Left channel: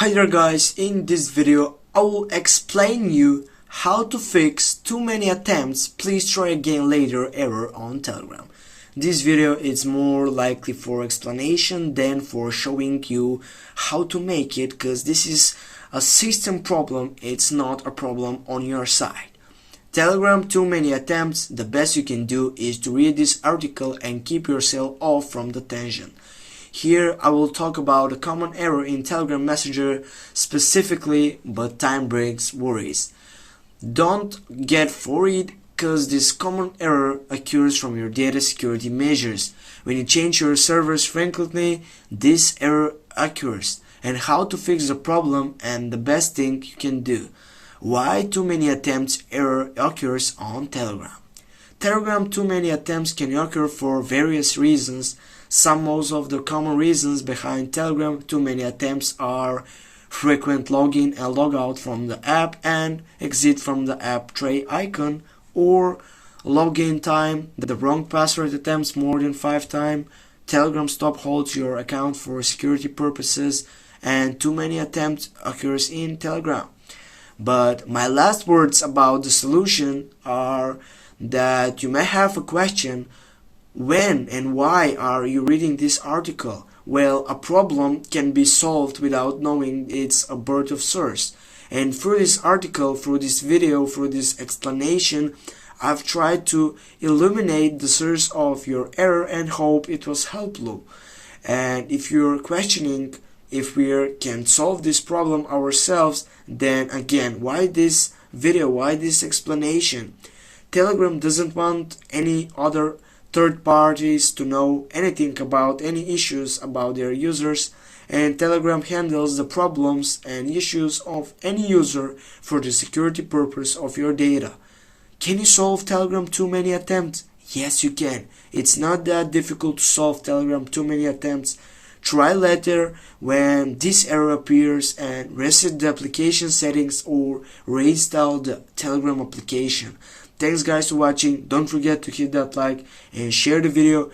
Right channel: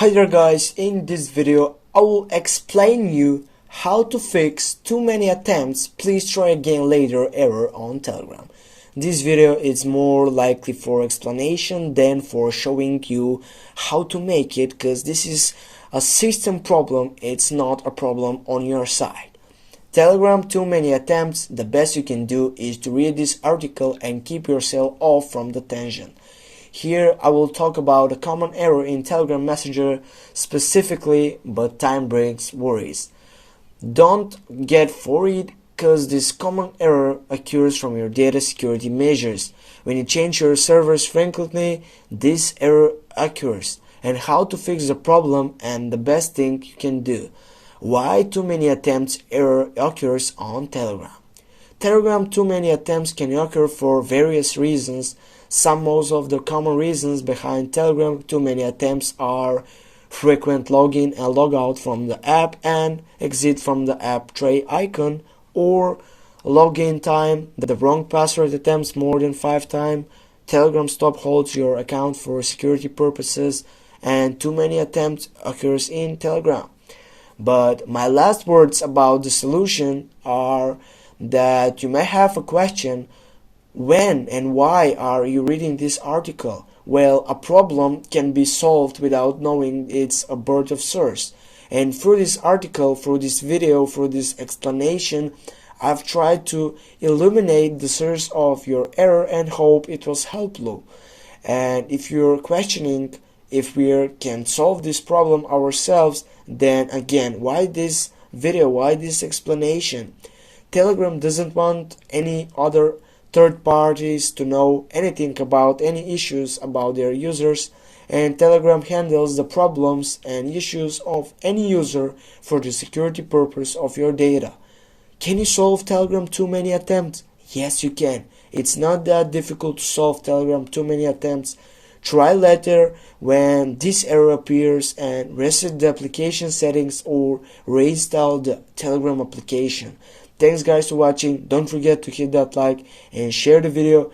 Hi there guys, in this video I will explain you how to fix too many attempts please try again later error on Telegram. This video is more likely for explanation than for showing you how to make it, because this is a system problem, it's not a problem on your side. Telegram too many attempts, the best you can do is to read this article and keep yourself off from the tension. Here I will talk about a common error in Telegram Messenger specifically, but time brings worries. Don't get worried, because this common error occurs from your data security measures. When you change your servers frequently, this error occurs, and how to fix the problem and the best thing you can do. Why too many attempts error occurs on Telegram. Telegram too many attempts can occur for various reasons. Most of the common reasons behind Telegram too many attempts are frequent login and logout from the app and exit from the app tray icon, or login time, the wrong password attempts more than 5 times, Telegram stop holds your account for security purposes, and too many attempts occurs in Telegram. But my last words about the solution are that you may have a question: when and why are you reading this article? Well, a problem can be solved without knowing its a birth of source. And through this article, through this video, through this explanation, I've tried to illuminate the source of your error and hope it was helpful. And if you're questioning if we can solve this problem ourselves, then again, why this video, why this explanation? Telegram doesn't want any other third parties to know anything about any issues about their users, and Telegram handles the problems and issues of any user for the security purpose of your data. Can you solve Telegram too many attempts? Yes, you can. It's not that difficult to solve Telegram too many attempts. Try later when this error appears and reset the application settings or reinstall the Telegram application. Thanks guys for watching. Don't forget to hit that like and share the video.